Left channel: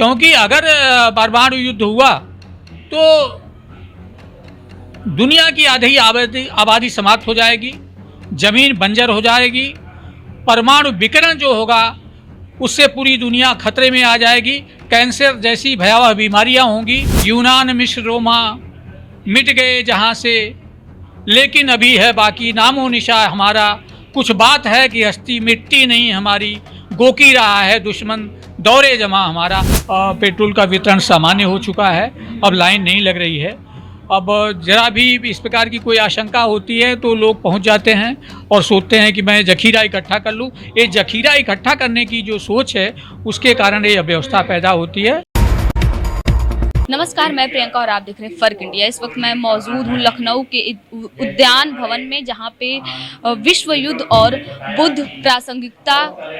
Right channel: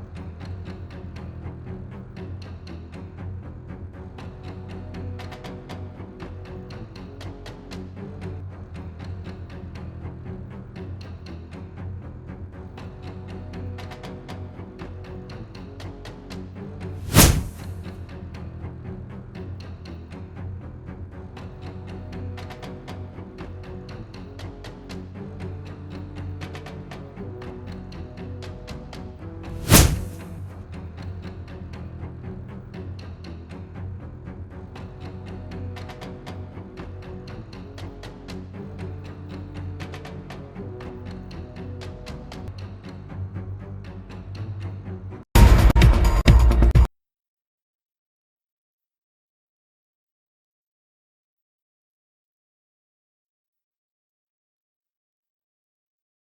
क्योंकि अगर परमाणु युद्ध हुआ तो दुनिया की आधी आबादी समाप्त हो जाएगी, जमीन बंजर हो जाएगी, परमाणु विकिरण जो होगा उससे पूरी दुनिया खतरे में आ जाएगी, कैंसर जैसी भयावह बीमारियां होंगी। यूनान मिस्र रोमा मिट गए जहां से, लेकिन अभी है बाकी नामो निशा हमारा। कुछ बात है कि हस्ती मिटती नहीं हमारी, गोकी रहा है दुश्मन दौरे जमा हमारा। पेट्रोल का वितरण सामान्य हो चुका है, अब लाइन नहीं लग रही है। अब जरा भी इस प्रकार की कोई आशंका होती है तो लोग पहुंच जाते हैं और सोचते हैं कि मैं जखीरा इकट्ठा कर लूं। ये जखीरा इकट्ठा करने की जो सोच है उसके कारण ये अव्यवस्था पैदा होती है। नमस्कार, मैं प्रियंका और आप देख रहे हैं फर्क इंडिया। इस वक्त मैं मौजूद हूँ लखनऊ के उद्यान भवन में, जहाँ पे विश्व युद्ध और बुद्ध प्रासंगिकता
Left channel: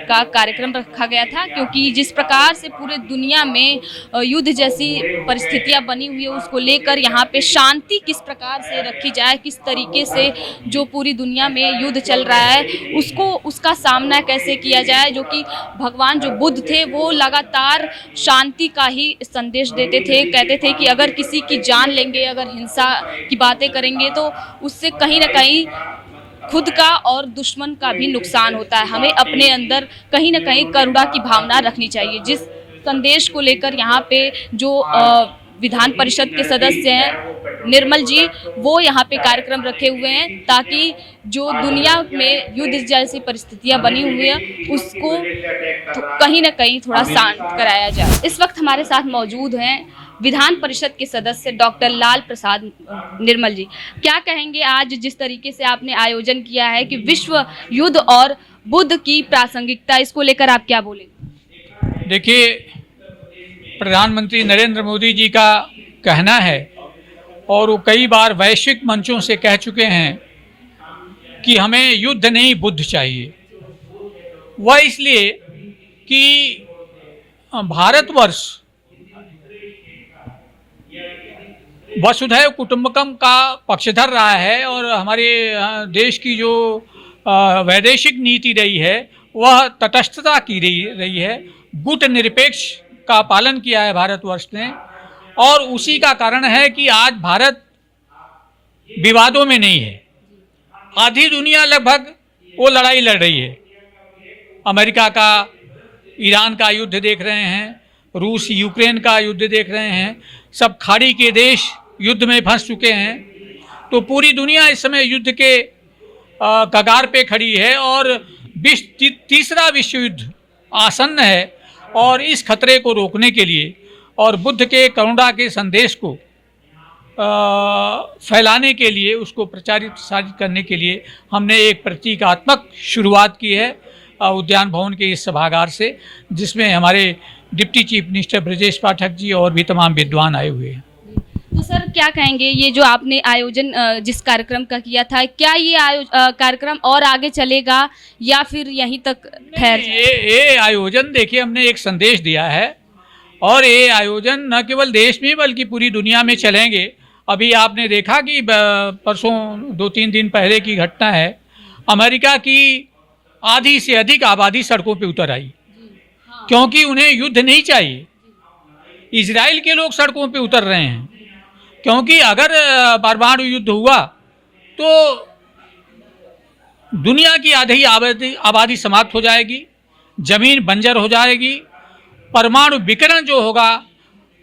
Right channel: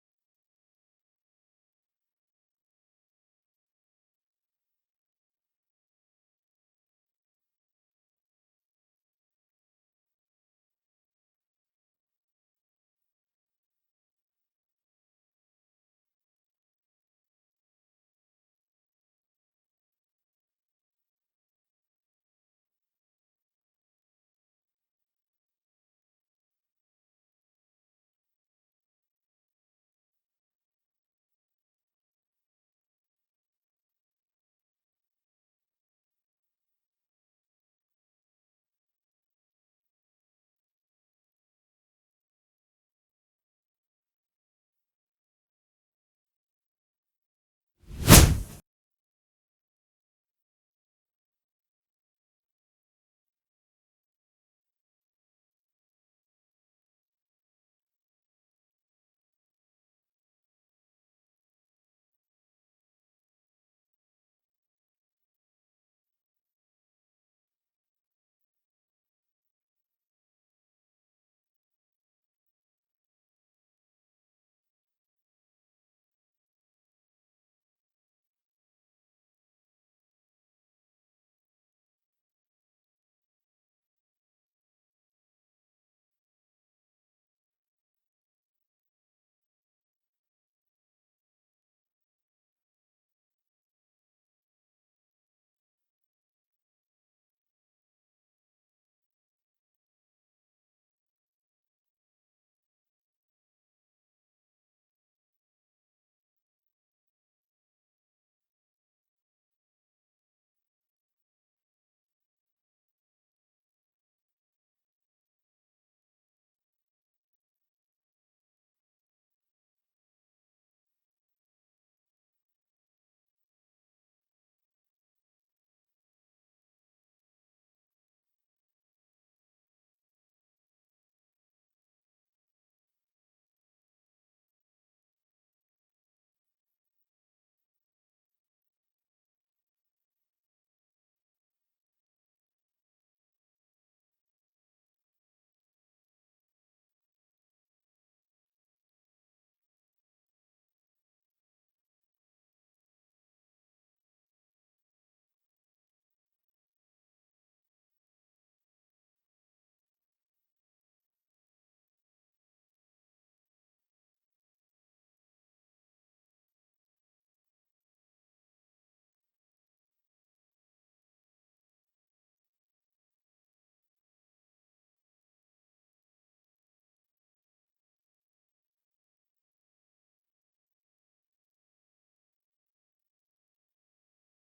का कार्यक्रम रखा गया था। क्योंकि जिस प्रकार से पूरे दुनिया में युद्ध जैसी परिस्थितियाँ बनी हुई है, उसको लेकर यहाँ पे शांति किस प्रकार से रखी जाए, किस तरीके से जो पूरी दुनिया में युद्ध चल रहा है उसका सामना कैसे किया जाए। जो कि भगवान जो बुद्ध थे वो लगातार शांति का ही संदेश देते थे। कहते थे कि अगर किसी की जान लेंगे, अगर हिंसा की बातें करेंगे तो उससे कहीं ना कहीं खुद का और दुश्मन का भी नुकसान होता है। हमें अपने अंदर कहीं ना कहीं करुणा की भावना रखनी चाहिए। जिस संदेश को लेकर यहाँ पे जो विधान परिषद के सदस्य हैं निर्मल जी, वो यहाँ पे कार्यक्रम रखे हुए हैं ताकि जो दुनिया में युद्ध जैसी परिस्थितियाँ बनी हुई है उसको कहीं ना कहीं थोड़ा शांत कराया जाए। इस वक्त हमारे साथ मौजूद हैं विधान परिषद के सदस्य डॉक्टर लाल प्रसाद निर्मल जी। क्या कहेंगे आज जिस तरीके से आपने आयोजन किया है कि विश्व युद्ध और बुद्ध की प्रासंगिकता, इसको लेकर आप क्या बोलेंगे? देखिए, प्रधानमंत्री नरेंद्र मोदी जी का कहना है और वो कई बार वैश्विक मंचों से कह चुके हैं कि हमें युद्ध नहीं बुद्ध चाहिए। वह इसलिए कि भारतवर्ष वसुधैव कुटुंबकम का पक्षधर रहा है और हमारे देश की जो वैदेशिक नीति रही है वह तटस्थता की रही है, गुट निरपेक्ष का पालन किया है भारतवर्ष ने। और उसी का कारण है कि आज भारत विवादों में नहीं है। आधी दुनिया लगभग वो लड़ाई लड़ रही है। अमेरिका का ईरान का युद्ध देख रहे हैं, रूस यूक्रेन का युद्ध देख रहे हैं, सब खाड़ी के देश युद्ध में फंस चुके हैं। तो पूरी दुनिया इस समय युद्ध के कगार पे खड़ी है और तीसरा विश्व युद्ध आसन्न है। और इस खतरे को रोकने के लिए और बुद्ध के करुणा के संदेश को फैलाने के लिए, उसको प्रचारित प्रसारित करने के लिए हमने एक प्रतीकात्मक शुरुआत की है उद्यान भवन के इस सभागार से, जिसमें हमारे deputy chief minister Brajesh Pathak ji और भी तमाम विद्वान आए हुए हैं। तो सर क्या कहेंगे, ये जो आपने आयोजन जिस कार्यक्रम का किया था, क्या ये कार्यक्रम और आगे चलेगा या फिर यहीं तक ठहर? ये आयोजन देखिए, हमने एक संदेश दिया है और ये आयोजन न केवल देश में बल्कि पूरी दुनिया में चलेंगे। अभी आपने देखा कि परसों 2-3 दिन पहले की घटना है, अमेरिका की आधी से अधिक आबादी सड़कों पे उतर आई क्योंकि उन्हें युद्ध नहीं चाहिए। इजराइल के लोग सड़कों पे उतर रहे हैं क्योंकि अगर परमाणु युद्ध हुआ तो दुनिया की आधी आबादी समाप्त हो जाएगी, जमीन बंजर हो जाएगी, परमाणु विकिरण जो होगा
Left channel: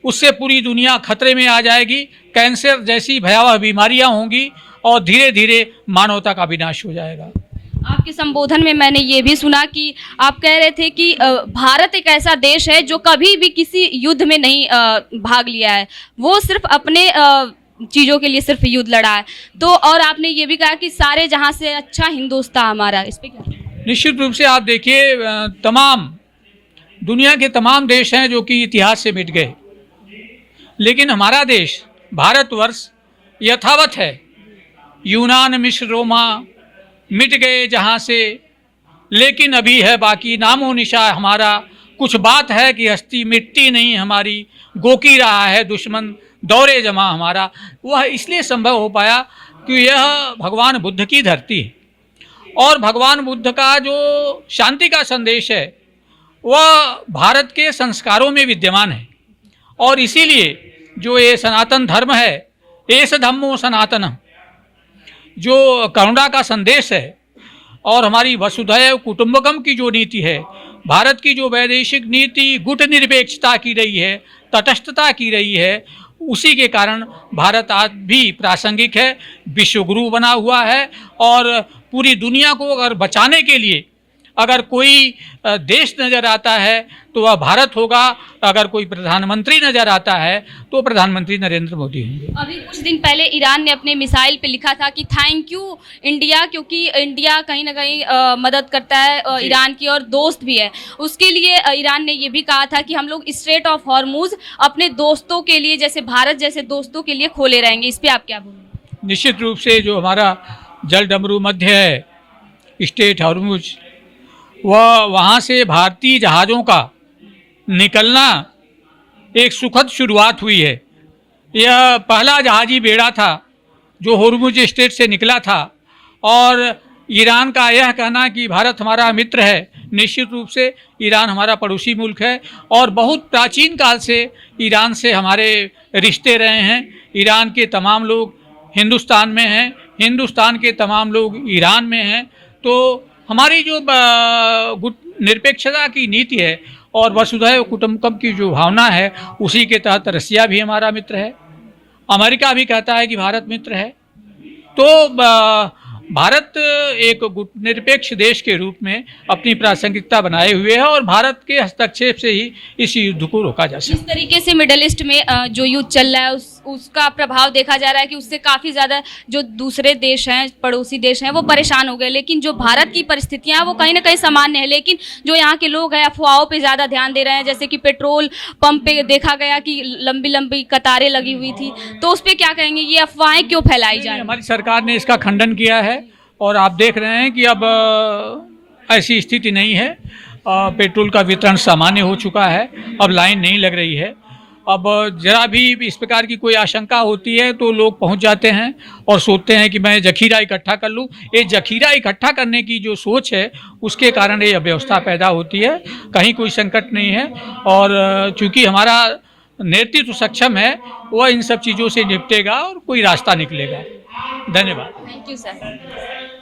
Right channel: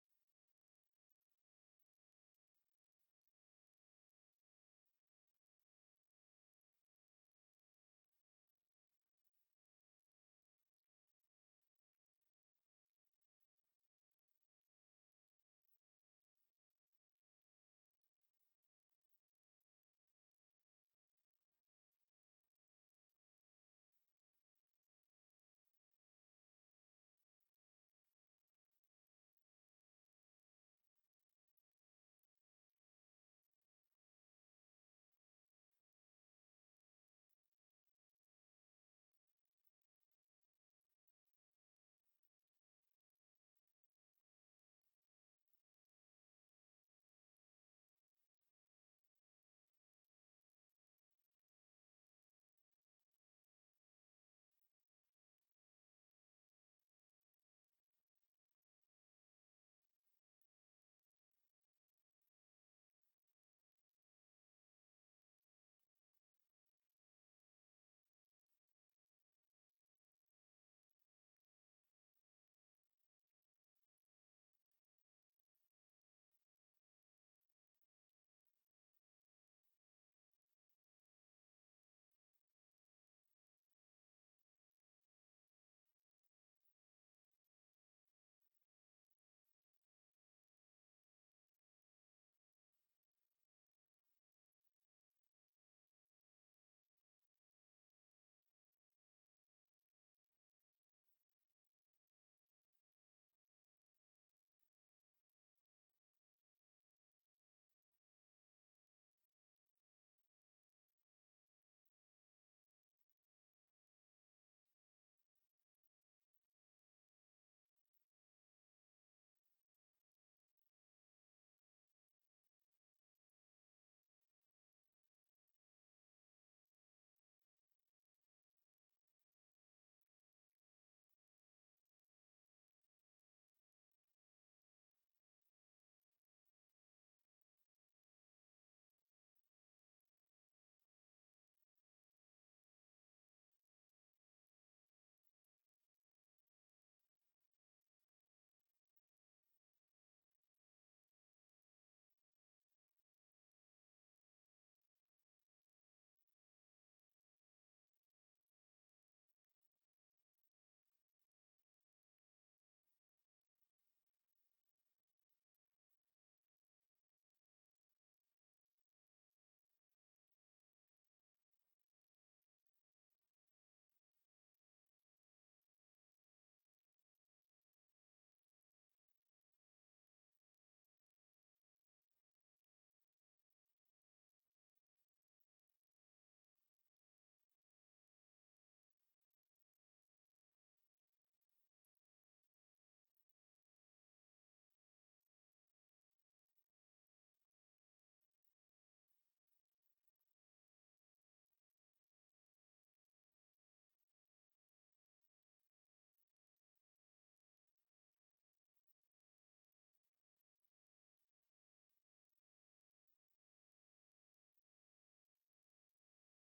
उससे पूरी दुनिया खतरे में आ जाएगी, कैंसर जैसी भयावह बीमारियां होंगी और धीरे धीरे मानवता का विनाश हो जाएगा। आपके संबोधन में मैंने ये भी सुना कि आप कह रहे थे कि भारत एक ऐसा देश है जो कभी भी किसी युद्ध में नहीं भाग लिया है, वो सिर्फ अपने चीज़ों के लिए सिर्फ युद्ध लड़ा है। तो और आपने ये भी कहा कि सारे जहां से अच्छा हिंदुस्तान हमारा, इस पर क्या? निश्चित रूप से आप देखिए, तमाम दुनिया के तमाम देश हैं जो कि इतिहास से मिट गए, लेकिन हमारा देश भारतवर्ष यथावत है। यूनान मिस्र रोमा मिट गए जहाँ से, लेकिन अभी है बाकी नामो निशा हमारा। कुछ बात है कि हस्ती मिटती नहीं हमारी, गोकी रहा है दुश्मन दौरे जमा हमारा। वह इसलिए संभव हो पाया कि यह भगवान बुद्ध की धरती है और भगवान बुद्ध का जो शांति का संदेश है वह भारत के संस्कारों में विद्यमान है। और इसीलिए जो ये सनातन धर्म है, एस धम्मो सनातन, जो करुणा का संदेश है और हमारी वसुधैव कुटुंबकम की जो नीति है, भारत की जो वैदेशिक नीति गुट निरपेक्षता की रही है, तटस्थता की रही है, उसी के कारण भारत आज भी प्रासंगिक है, विश्वगुरु बना हुआ है। और पूरी दुनिया को अगर बचाने के लिए अगर कोई देश नज़र आता है तो वह भारत होगा, अगर कोई प्रधानमंत्री नज़र आता है तो प्रधानमंत्री नरेंद्र मोदी होंगे। अभी कुछ दिन पहले ईरान ने अपने मिसाइल पे लिखा था कि थैंक यू इंडिया, क्योंकि इंडिया कहीं ना कहीं मदद करता है ईरान की और दोस्त भी है। उसके लिए ईरान ने ये भी कहा था कि हम लोग स्ट्रेट ऑफ हॉर्मुज अपने दोस्तों के लिए, जैसे भारत जैसे दोस्तों के लिए खोले रहेंगे। इस पर आप क्या बोलेंगे? निश्चित रूप से जो हमारा जल डमरू मध्य है, स्ट्रेट हॉर्मुज, वह वहाँ से भारतीय जहाज़ों का निकलना एक सुखद शुरुआत हुई है। यह पहला जहाज़ी बेड़ा था जो हॉर्मुज स्ट्रेट से निकला था। और ईरान का यह कहना कि भारत हमारा मित्र है, निश्चित रूप से ईरान हमारा पड़ोसी मुल्क है और बहुत प्राचीन काल से ईरान से हमारे रिश्ते रहे हैं। ईरान के तमाम लोग हिंदुस्तान में हैं, हिंदुस्तान के तमाम लोग ईरान में हैं। तो हमारी जो गुट निरपेक्षता की नीति है और वसुधैव कुटुंबकम की जो भावना है, उसी के तहत रसिया भी हमारा मित्र है, अमेरिका भी कहता है कि भारत मित्र है। तो भारत एक गुट निरपेक्ष देश के रूप में अपनी प्रासंगिकता बनाए हुए है और भारत के हस्तक्षेप से ही इस युद्ध को रोका जा सकता है। जिस तरीके से मिडल ईस्ट में जो युद्ध चल रहा है उसका प्रभाव देखा जा रहा है कि उससे काफ़ी ज़्यादा जो दूसरे देश हैं, पड़ोसी देश हैं, वो परेशान हो गए। लेकिन जो भारत की परिस्थितियाँ वो कहीं ना कहीं सामान्य है। लेकिन जो यहाँ के लोग हैं अफवाहों पे ज़्यादा ध्यान दे रहे हैं, जैसे कि पेट्रोल पंप पे देखा गया कि लंबी लंबी कतारें लगी हुई थी। तो उस पर क्या कहेंगे, ये अफवाहें क्यों फैलाई जा रही हैं? हमारी सरकार ने इसका खंडन किया है और आप देख रहे हैं कि अब ऐसी स्थिति नहीं है। पेट्रोल का वितरण सामान्य हो चुका है, अब लाइन नहीं लग रही है। अब जरा भी इस प्रकार की कोई आशंका होती है तो लोग पहुंच जाते हैं और सोचते हैं कि मैं जखीरा इकट्ठा कर लूं। ये जखीरा इकट्ठा करने की जो सोच है उसके कारण ये अव्यवस्था पैदा होती है। कहीं कोई संकट नहीं है और चूँकि हमारा नेतृत्व सक्षम है, वह इन सब चीज़ों से निपटेगा और कोई रास्ता निकलेगा। धन्यवाद। Thank you sir.